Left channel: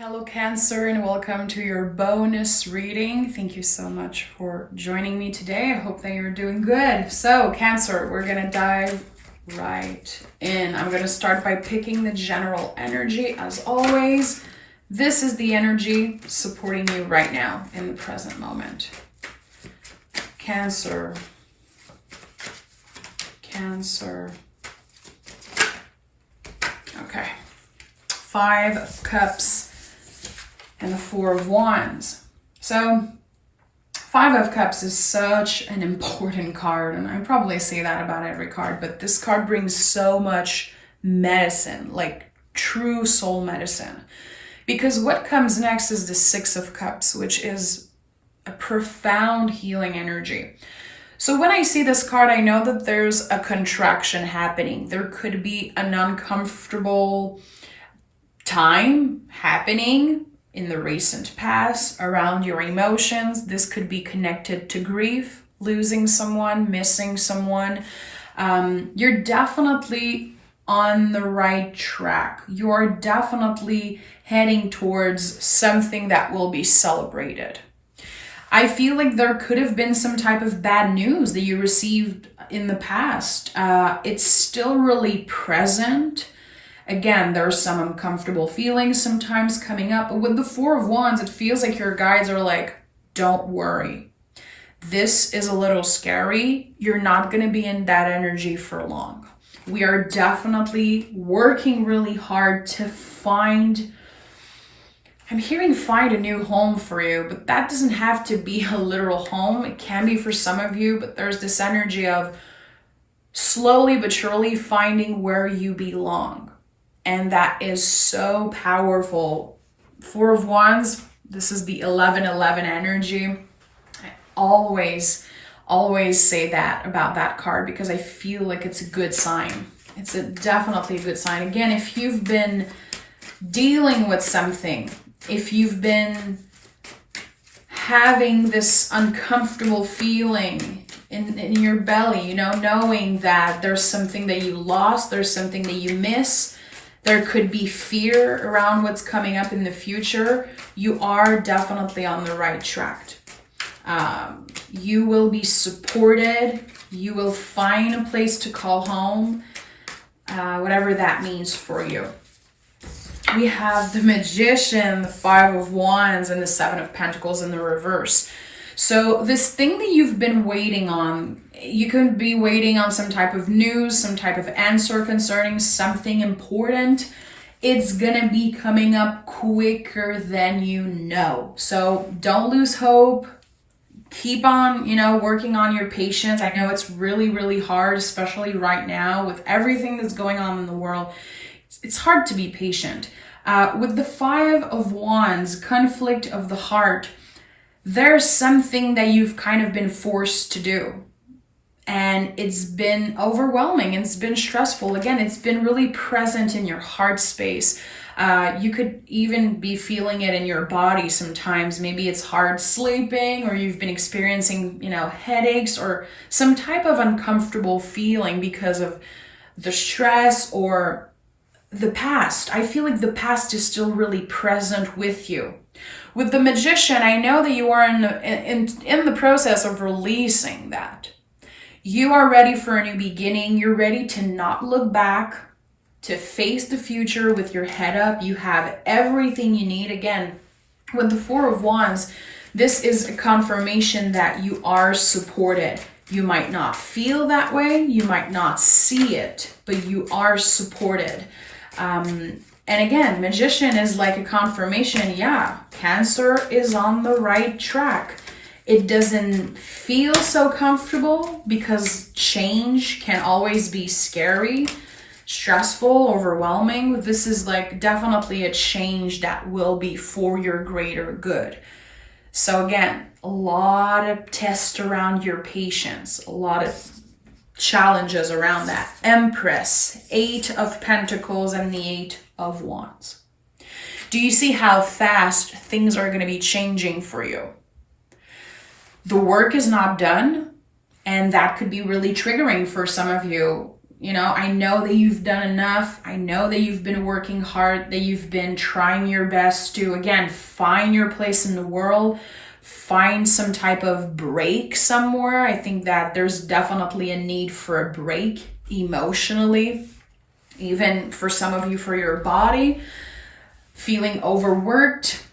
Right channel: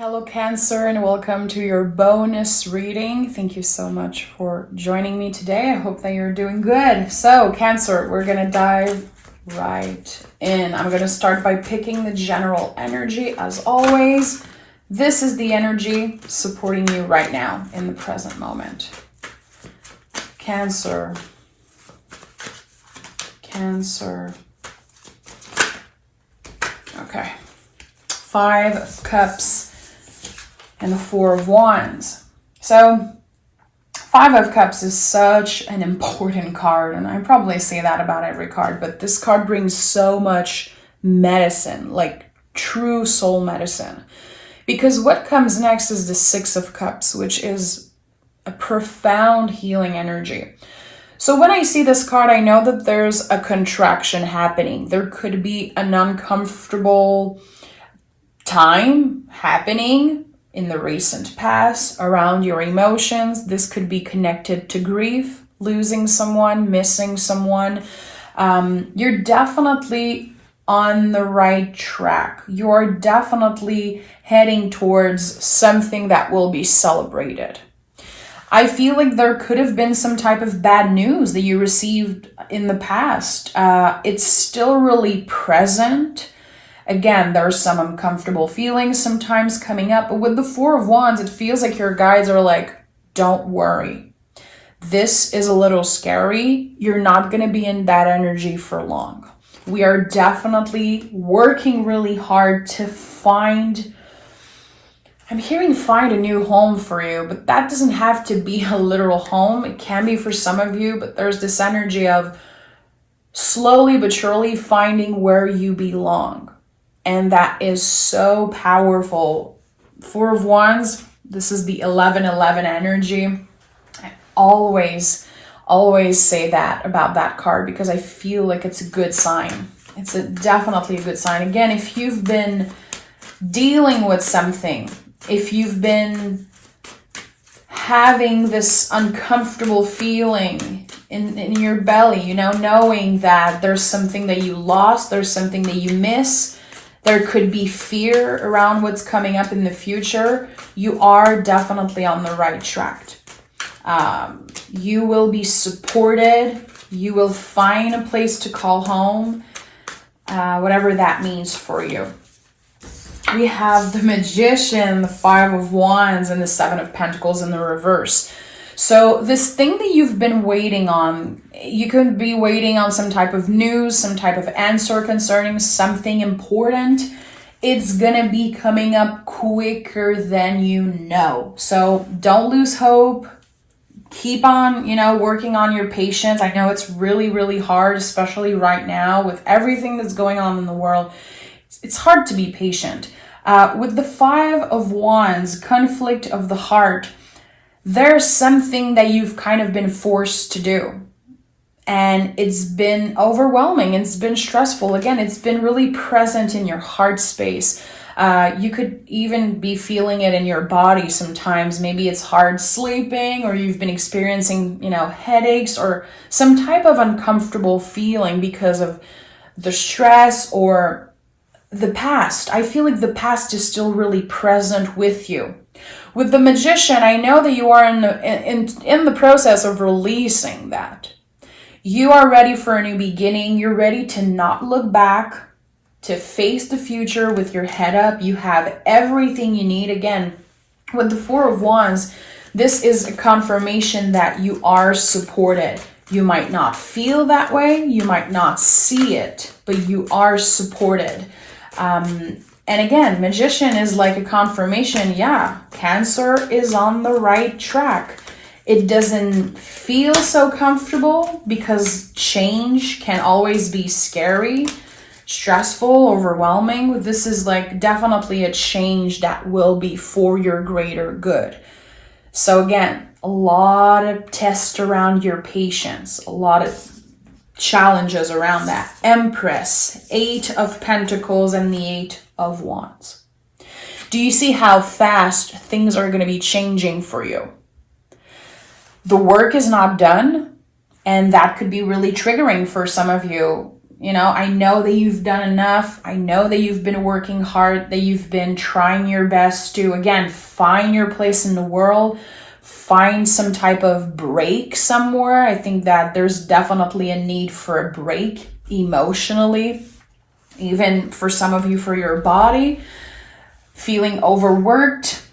Hello Cancer, and welcome to your bonus reading. Thank you so much for joining me today. I hope that you're doing good. So Cancer, we're gonna dive right in. I'm gonna start by picking the general energy as always. This is the energy supporting you right now in the present moment. Cancer. Okay. 5 of Cups and the 4 of Wands. So 5 of Cups is such an important card, and I probably say that about every card, but this card brings so much medicine, like true soul medicine. Because what comes next is the 6 of Cups, which is a profound healing energy. So when I see this card, I know that there's a contraction happening. There could be an uncomfortable time happening in the recent past around your emotions. This could be connected to grief, losing someone, missing someone. You're definitely on the right track. You're definitely heading towards something that will be celebrated. I feel like there could have been some type of bad news that you received in the past. It's still really present. Again, there are some uncomfortable feelings sometimes coming up, but with the 4 of Wands, it feels like your guides are like, don't worry. This is a little scary. You're not going to be in that energy for long. We are definitely working really hard to find, I'm hearing find a new home for you, but that doesn't have to be a literal home. It can be for some of you, but there's this energy of slowly but surely finding where you belong. And that is so powerful. 4 of Wands, this is the 11-11 energy. I always say that about that card because I feel like it's a good sign. It's definitely a good sign. Again, if you've been dealing with something, if you've been having this uncomfortable feeling in your belly, you know, knowing that there's something that you lost, there's something that you miss, there could be fear around what's coming up in the future, you are definitely on the right track. You will be supported. You will find a place to call home, whatever that means for you. We have the Magician, the 5 of Wands, and the 7 of Pentacles in the reverse. So this thing that you've been waiting on, you could be waiting on some type of news, some type of answer concerning something important. It's going to be coming up quicker than you know. So don't lose hope. Keep on, working on your patience. I know it's really, really hard, especially right now with everything that's going on in the world. It's hard to be patient. With the 5 of Wands, conflict of the heart, there's something that you've kind of been forced to do. And it's been overwhelming. It's been stressful. Again, it's been really present in your heart space. You could even be feeling it in your body sometimes. Maybe it's hard sleeping, or you've been experiencing, headaches or some type of uncomfortable feeling because of the stress or the past. I feel like the past is still really present with you. With the Magician, I know that you are in the process of releasing that. You are ready for a new beginning. You're ready to not look back, to face the future with your head up. You have everything you need. Again, with the 4 of Wands, this is a confirmation that you are supported. You might not feel that way. You might not see it, but you are supported. And again, Magician is like a confirmation. Yeah, Cancer is on the right track. It doesn't feel so comfortable because change can always be scary, stressful, overwhelming. This is like definitely a change that will be for your greater good. So again, a lot of tests around your patience, a lot of challenges around that. Empress, 8 of Pentacles and the 8 of Wands. Do you see how fast things are going to be changing for you? The work is not done, and that could be really triggering for some of you. You know, I know that you've done enough. I know that you've been working hard, that you've been trying your best to, again, find your place in the world, find some type of break somewhere. I think that there's definitely a need for a break emotionally, even for some of you, for your body, feeling overworked.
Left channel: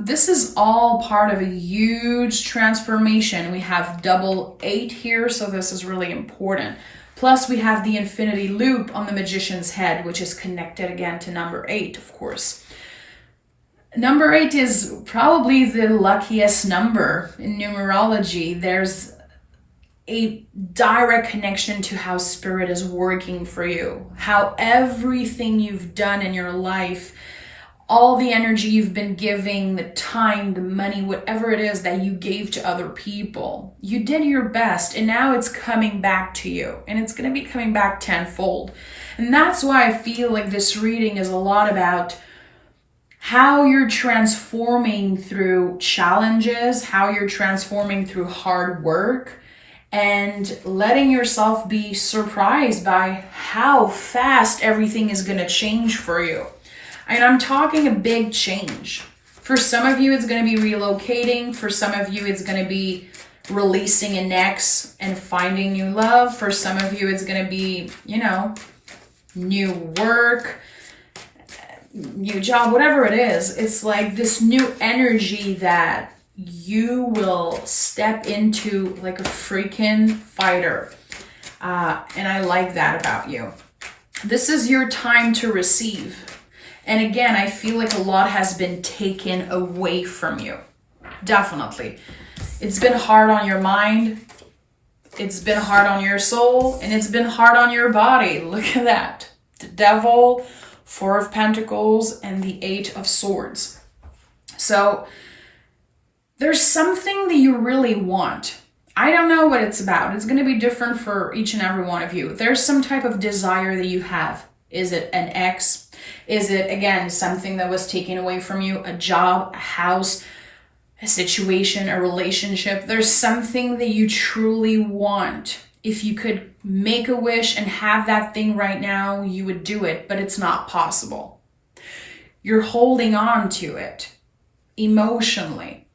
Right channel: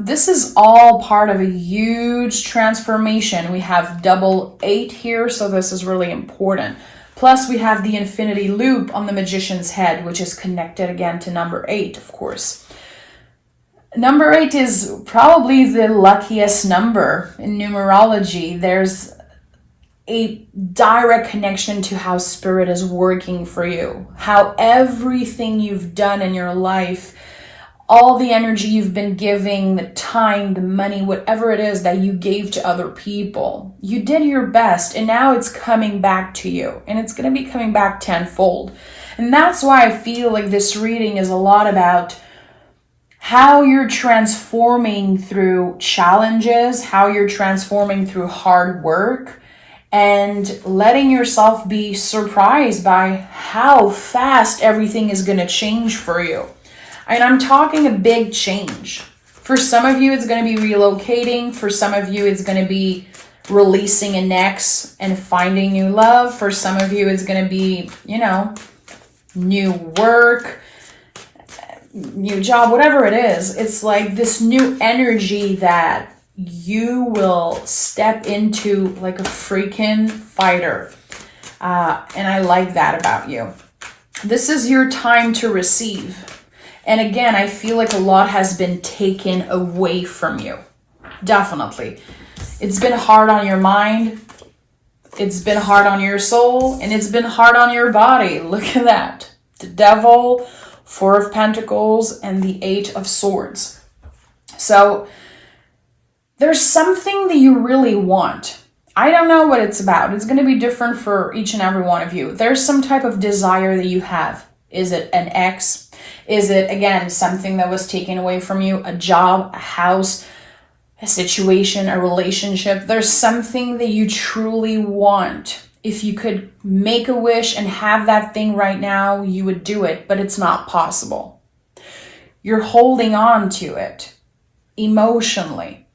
This is all part of a huge transformation. We have double 8 here, so this is really important. Plus, we have the infinity loop on the magician's head, which is connected again to number 8, of course. Number 8 is probably the luckiest number in numerology. There's a direct connection to how spirit is working for you, how everything you've done in your life, all the energy you've been giving, the time, the money, whatever it is that you gave to other people, you did your best, and now it's coming back to you, and it's going to be coming back tenfold. And that's why I feel like this reading is a lot about how you're transforming through challenges, how you're transforming through hard work, and letting yourself be surprised by how fast everything is going to change for you. And I'm talking a big change. For some of you, it's going to be relocating. For some of you, it's going to be releasing an ex and finding new love. For some of you, it's going to be, you know, new work, new job, whatever it is. It's like this new energy that you will step into like a freaking fighter. And I like that about you. This is your time to receive. And again, I feel like a lot has been taken away from you. Definitely. It's been hard on your mind. It's been hard on your soul. And it's been hard on your body. Look at that. The Devil, 4 of Pentacles, and the 8 of Swords. So there's something that you really want. I don't know what it's about. It's going to be different for each and every one of you. There's some type of desire that you have. Is it an ex? Is it, again, something that was taken away from you? A job, a house, a situation, a relationship? There's something that you truly want. If you could make a wish and have that thing right now, you would do it, but it's not possible. You're holding on to it emotionally.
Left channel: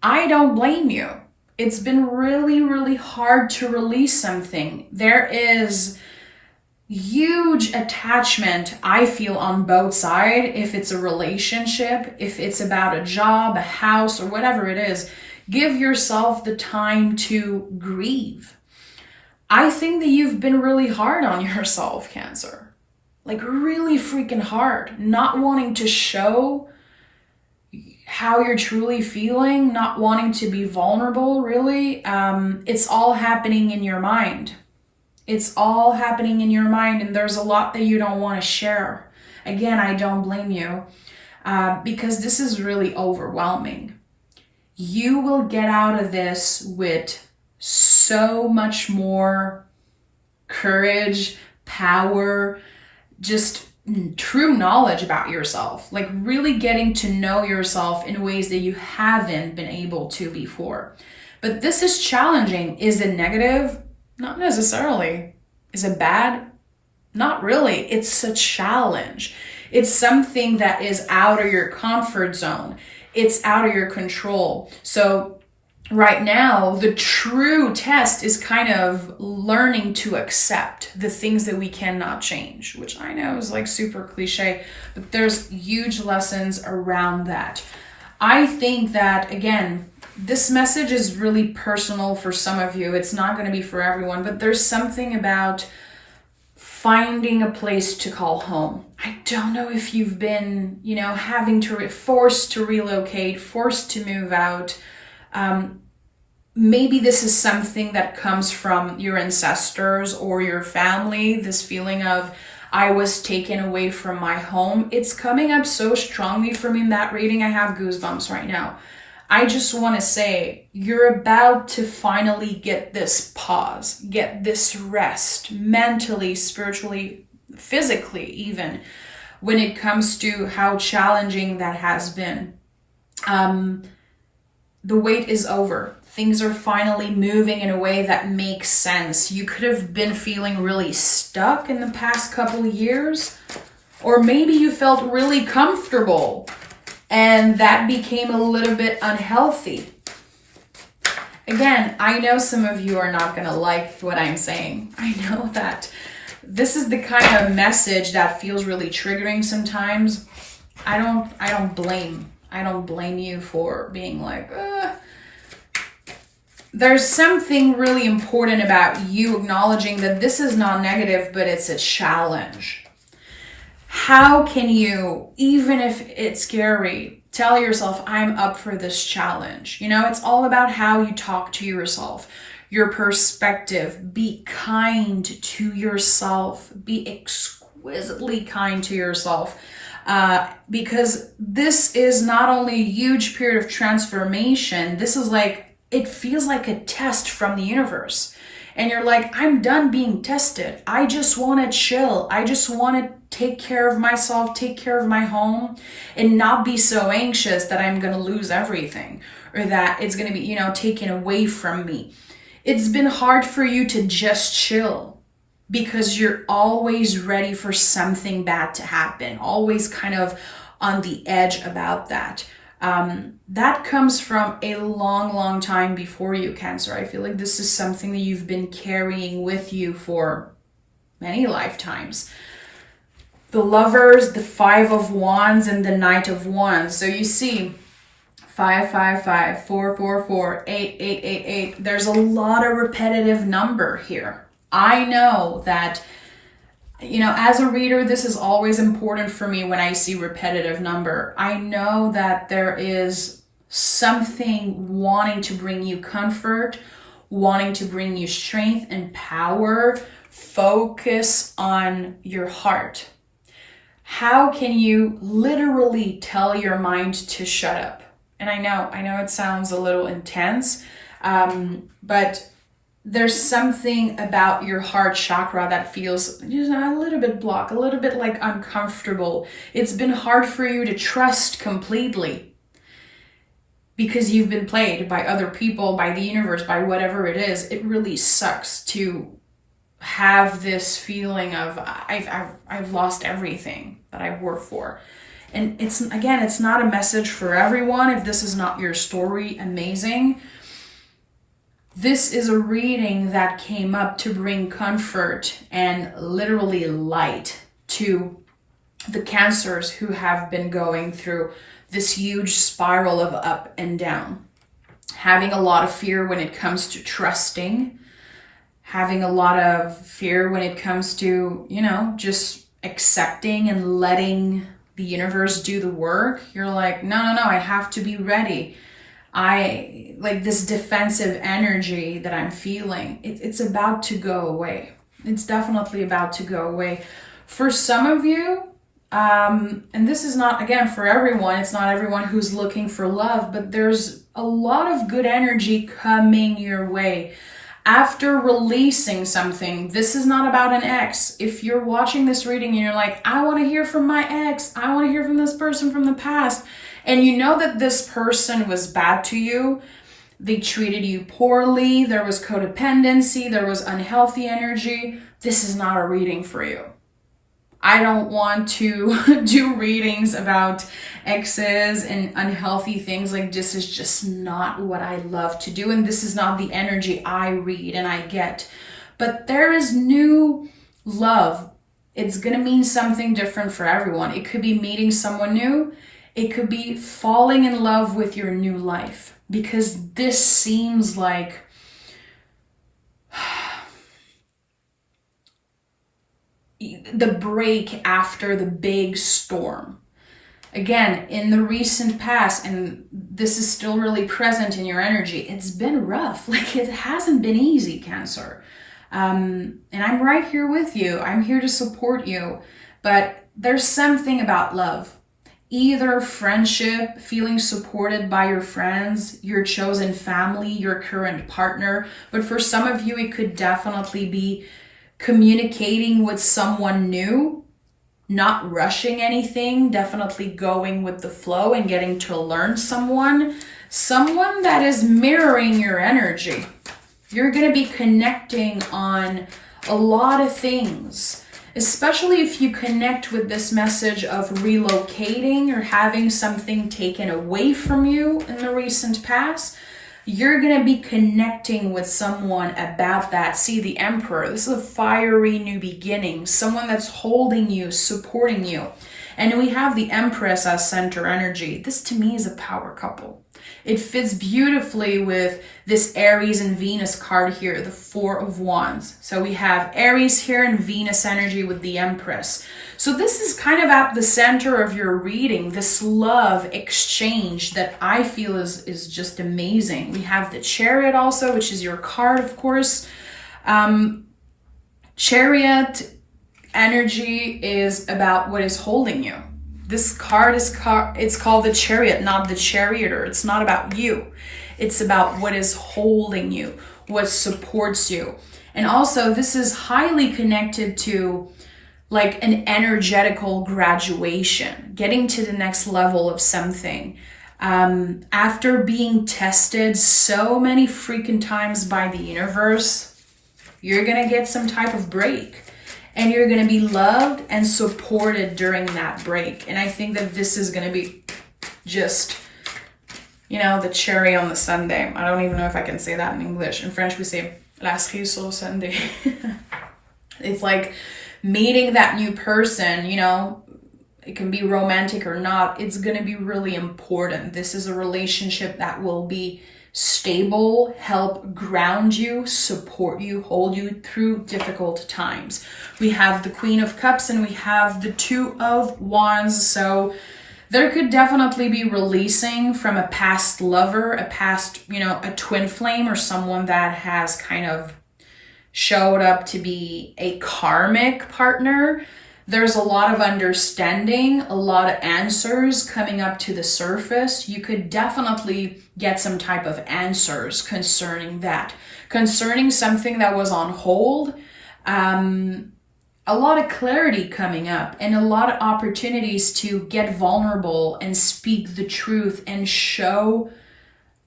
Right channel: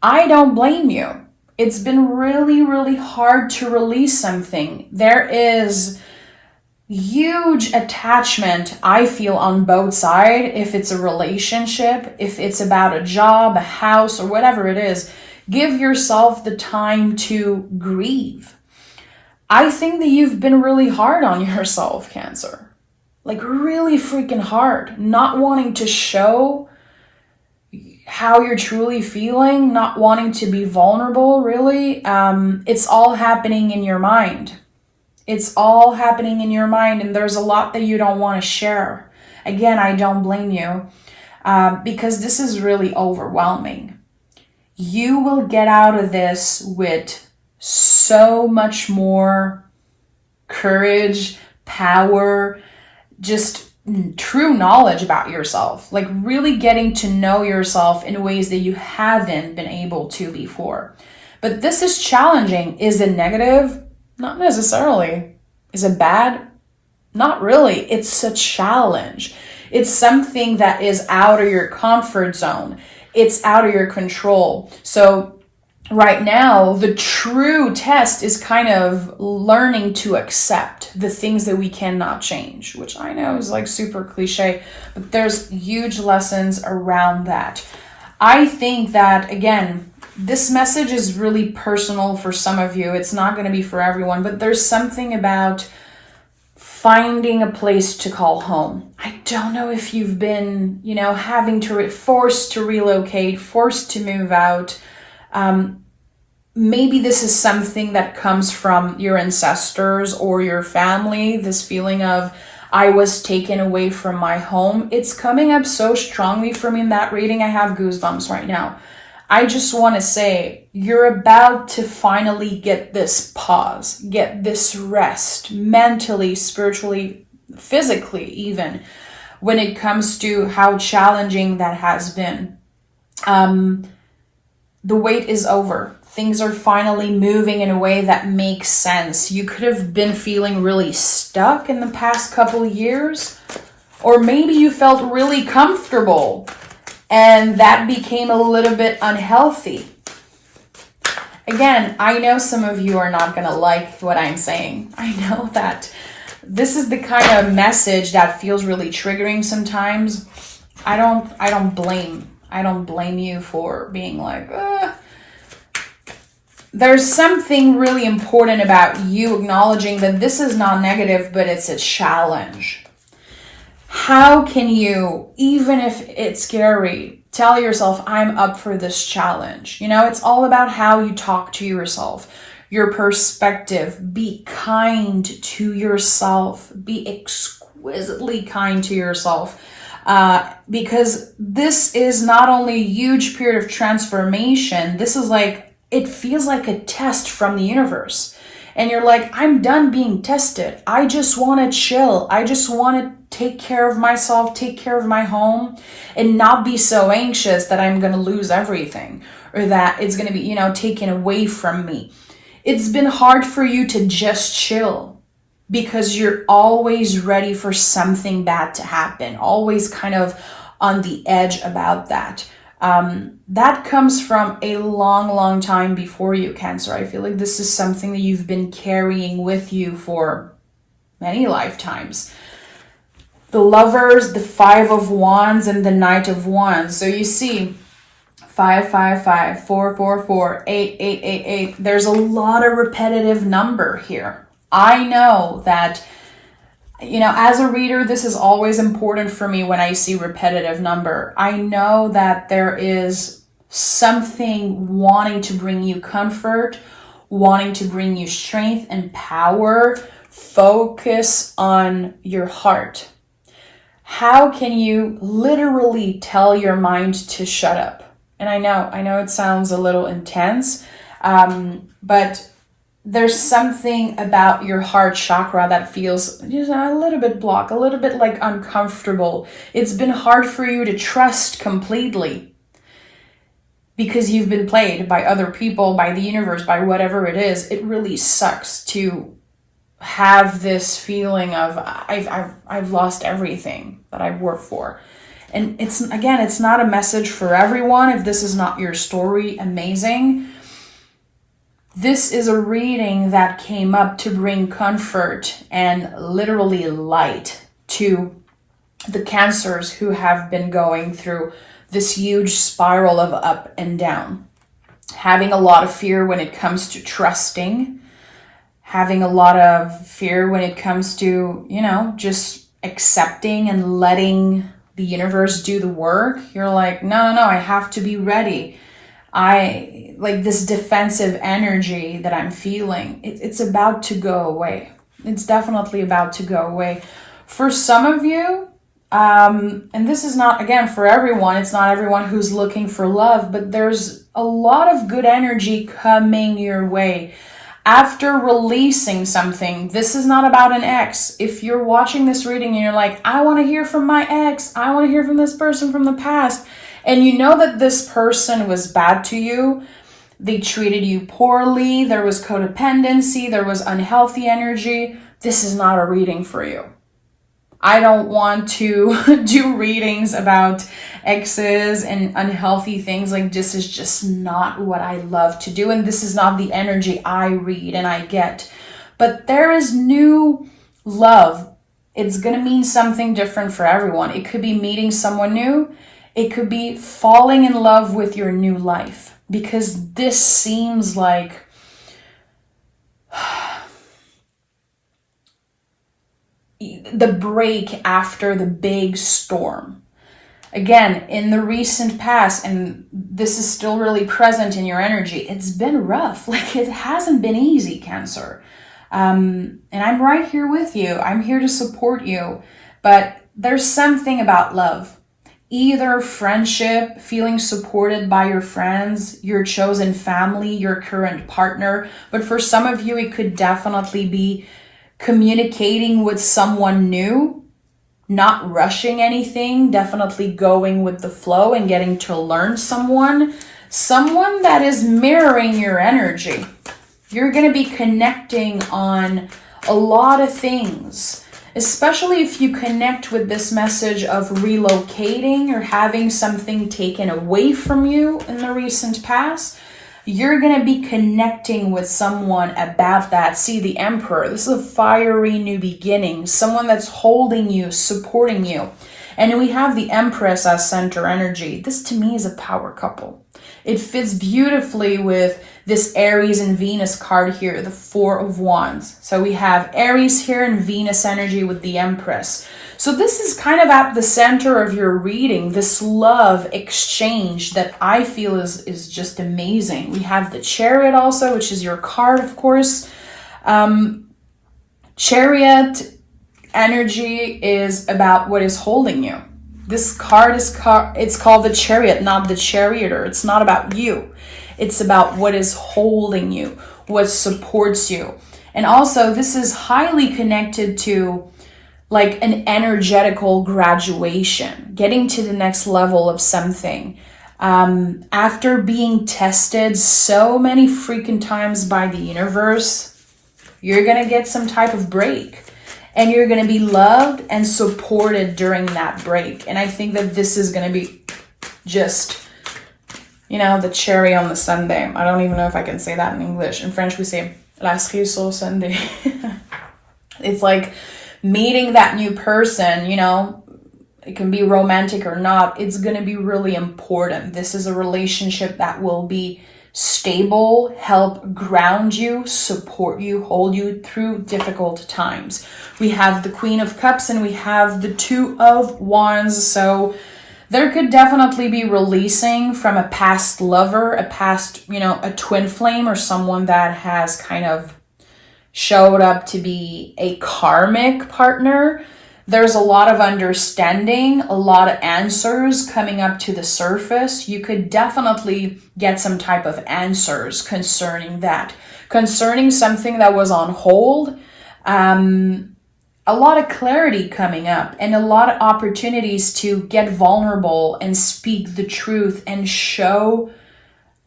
I don't blame you. It's been really, really hard to release something. There is huge attachment, I feel, on both sides. If it's a relationship, if it's about a job, a house, or whatever it is, give yourself the time to grieve. I think that you've been really hard on yourself, Cancer. Like really freaking hard. Not wanting to show how you're truly feeling, not wanting to be vulnerable, really. It's all happening in your mind. It's all happening in your mind, and there's a lot that you don't want to share. Again, I don't blame you, because this is really overwhelming. You will get out of this with so much more courage, power, just true knowledge about yourself, like really getting to know yourself in ways that you haven't been able to before. But this is challenging. Is it negative? Not necessarily. Is it bad? Not really. It's a challenge. It's something that is out of your comfort zone. It's out of your control. So right now, the true test is kind of learning to accept the things that we cannot change, which I know is like super cliche, but there's huge lessons around that. I think that, again, this message is really personal for some of you. It's not going to be for everyone, but there's something about finding a place to call home. I don't know if you've been, having to forced to relocate, forced to move out. Maybe this is something that comes from your ancestors or your family, this feeling of, I was taken away from my home. It's coming up so strongly for me in that reading. I have goosebumps right now. I just want to say, you're about to finally get this pause, get this rest, mentally, spiritually, physically even, when it comes to how challenging that has been. The wait is over. things are finally moving in a way that makes sense. You could have been feeling really stuck in the past couple years, or maybe you felt really comfortable and that became a little bit unhealthy. Again, I know some of you are not going to like what I'm saying. I know that this is the kind of message that feels really triggering sometimes. I don't blame you for being like, There's something really important about you acknowledging that this is not negative, but it's a challenge. How can you, even if it's scary, tell yourself, I'm up for this challenge? You know, it's all about how you talk to yourself, your perspective. Be kind to yourself. Be exquisitely kind to yourself. Because this is not only a huge period of transformation, this is like, it feels like a test from the universe. And you're like, I'm done being tested. I just want to chill. I just want to take care of myself, take care of my home, and not be so anxious that I'm going to lose everything or that it's going to be, you know, taken away from me. It's been hard for you to just chill because you're always ready for something bad to happen, always kind of on the edge about that. That comes from a long time before you, Cancer. I feel like this is something that you've been carrying with you for many lifetimes. The Lovers, the Five of Wands, and the Knight of Wands. So you see 555, 444, 8888. There's a lot of repetitive number here. I know that, you know, as a reader, this is always important for me when I see repetitive number. I know that there is something wanting to bring you comfort, wanting to bring you strength and power. Focus on your heart. How can you literally tell your mind to shut up? And I know it sounds a little intense, but there's something about your heart chakra that feels just a little bit blocked, a little bit like uncomfortable. It's been hard for you to trust completely because you've been played by other people, by the universe, by whatever it is. It really sucks to have this feeling of I've lost everything that I've worked for. And it's not a message for everyone. If this is not your story, amazing. This is a reading that came up to bring comfort and literally light to the Cancers who have been going through this huge spiral of up and down. Having a lot of fear when it comes to trusting, having a lot of fear when it comes to, you know, just accepting and letting the universe do the work. You're like, no, I have to be ready. I like this defensive energy that I'm feeling. It's about to go away. It's definitely about to go away. For some of you, and this is not, again, for everyone, it's not everyone who's looking for love, but there's a lot of good energy coming your way. After releasing something, this is not about an ex. If you're watching this reading and you're like, I want to hear from my ex, I want to hear from this person from the past, and you know that this person was bad to you, they treated you poorly, there was codependency, there was unhealthy energy, this is not a reading for you. I don't want to do readings about exes and unhealthy things. Like, this is just not what I love to do. And this is not the energy I read and I get. But there is new love. It's going to mean something different for everyone. It could be meeting someone new. It could be falling in love with your new life. Because this seems like the break after the big storm. Again, in the recent past, and this is still really present in your energy, it's been rough. Like, it hasn't been easy, Cancer. And I'm right here with you. I'm here to support you. But there's something about love. Either friendship, feeling supported by your friends, your chosen family, your current partner. But for some of you, it could definitely be communicating with someone new, not rushing anything, definitely going with the flow and getting to learn someone. someone that is mirroring your energy. You're going to be connecting on a lot of things, especially if you connect with this message of relocating or having something taken away from you in the recent past. You're going to be connecting with someone about that. See, the Emperor, this is a fiery new beginning, someone that's holding you, supporting you. And we have the Empress as center energy. This to me is a power couple. It fits beautifully with this Aries and Venus card here, the Four of Wands. So we have Aries here and Venus energy with the Empress. So this is kind of at the center of your reading, this love exchange that I feel is just amazing. We have the Chariot also, which is your card, of course. Chariot energy is about what is holding you. This card is it's called the Chariot, not the Charioteer. It's not about you. It's about what is holding you, what supports you. And also, this is highly connected to like an energetical graduation, getting to the next level of something. After being tested so many freaking times by the universe, you're going to get some type of break. And you're going to be loved and supported during that break. And I think that this is going to be just, you know, the cherry on the sundae. I don't even know if I can say that in English. In French, we say la cerise sur sundae. It's like meeting that new person, you know, it can be romantic or not. It's going to be really important. This is a relationship that will be stable, help ground you, support you, hold you through difficult times. We have the Queen of Cups and we have the Two of Wands. So there could definitely be releasing from a past lover, a past, you know, a twin flame or someone that has kind of showed up to be a karmic partner. There's a lot of understanding, a lot of answers coming up to the surface. You could definitely get some type of answers concerning that. Concerning something that was on hold, a lot of clarity coming up and a lot of opportunities to get vulnerable and speak the truth and show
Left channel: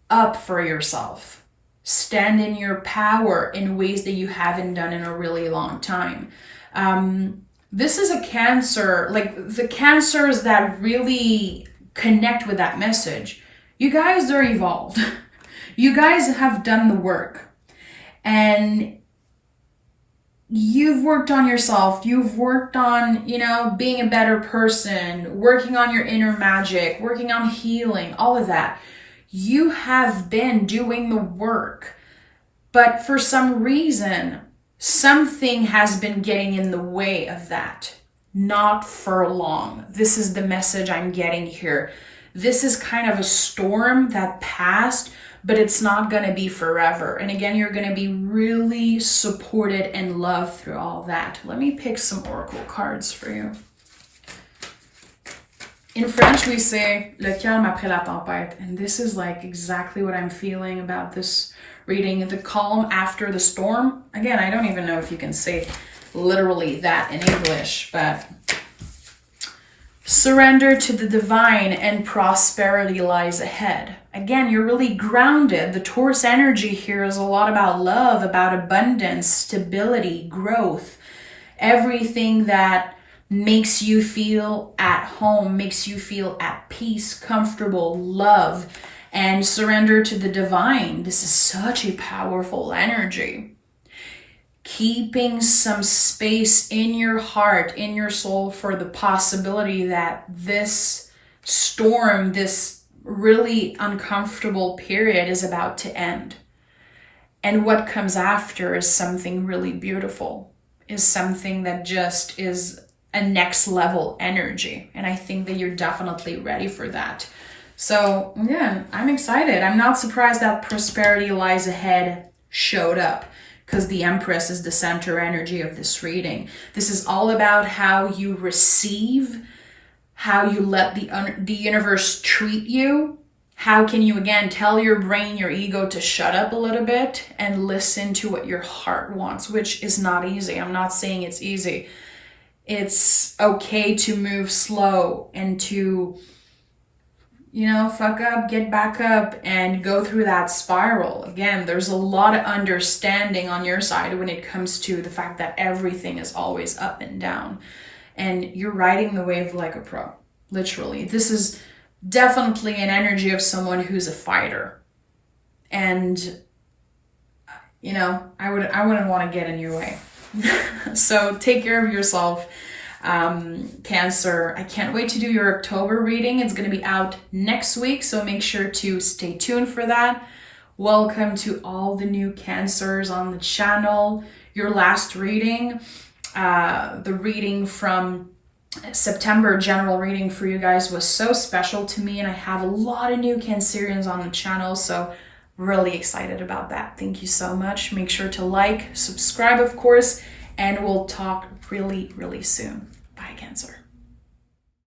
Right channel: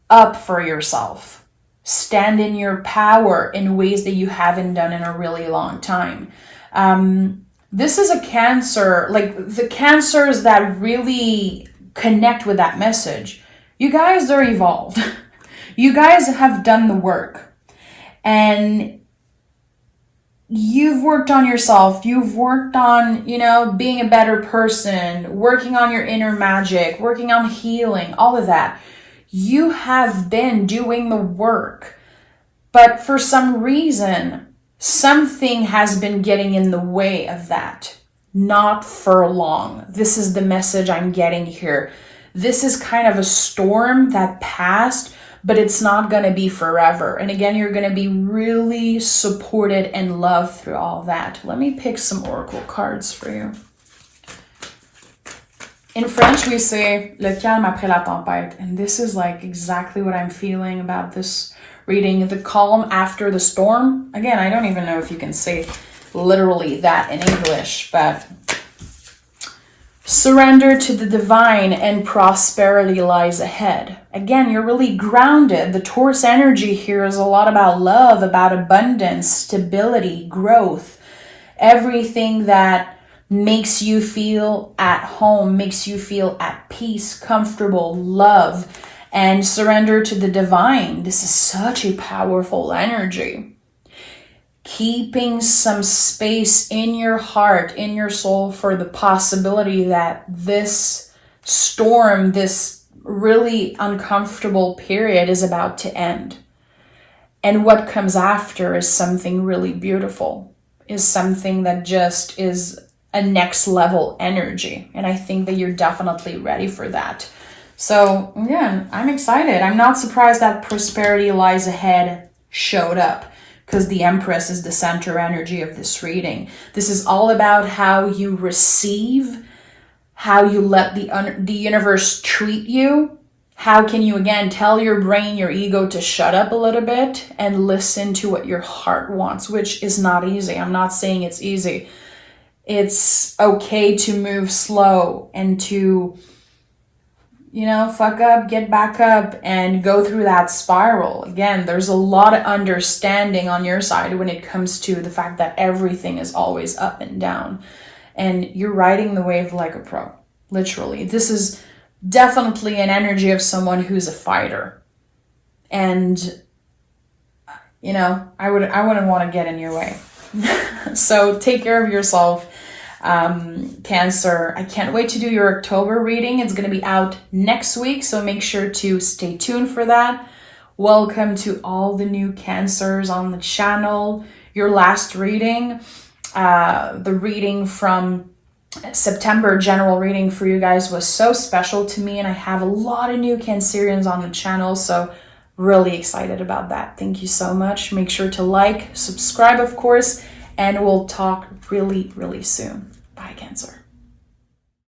up for yourself. Stand in your power in ways that you haven't done in a really long time. This is a Cancer, like the Cancers that really connect with that message. You guys are evolved. You guys have done the work. And you've worked on yourself. You've worked on, you know, being a better person, working on your inner magic, working on healing, all of that. You have been doing the work. But for some reason, something has been getting in the way of that. Not for long. This is the message I'm getting here. This is kind of a storm that passed, but it's not going to be forever. And again, you're going to be really supported and loved through all that. Let me pick some oracle cards for you. In French, we say le calme après la tempête. And this is like exactly what I'm feeling about this reading, the calm after the storm. Again, I don't even know if you can say literally that in English, but surrender to the divine and prosperity lies ahead. Again, you're really grounded. The Taurus energy here is a lot about love, about abundance, stability, growth, everything that makes you feel at home, makes you feel at peace, comfortable, love, and surrender to the divine. This is such a powerful energy. Keeping some space in your heart, in your soul, for the possibility that this storm, this really uncomfortable period is about to end. And what comes after is something really beautiful, is something that just is a next level energy. And I think that you're definitely ready for that. So again, I'm excited. I'm not surprised that prosperity lies ahead showed up, because the Empress is the center energy of this reading. This is all about how you receive, how you let the universe treat you. How can you, again, tell your brain, your ego to shut up a little bit and listen to what your heart wants, which is not easy. I'm not saying it's easy. It's okay to move slow and to, fuck up, get back up, and go through that spiral. Again, there's a lot of understanding on your side when it comes to the fact that everything is always up and down. And you're riding the wave like a pro, literally. This is definitely an energy of someone who's a fighter. And, I wouldn't want to get in your way. So take care of yourself, Cancer. I can't wait to do your October reading. It's going to be out next week, so make sure to stay tuned for that. Welcome to all the new Cancers on the channel. Your last reading, the reading from September, general reading for you guys, was so special to me, and I have a lot of new Cancerians on the channel, so really excited about that. Thank you so much. Make sure to like, subscribe, of course, and we'll talk really, really soon. Bye, Cancer.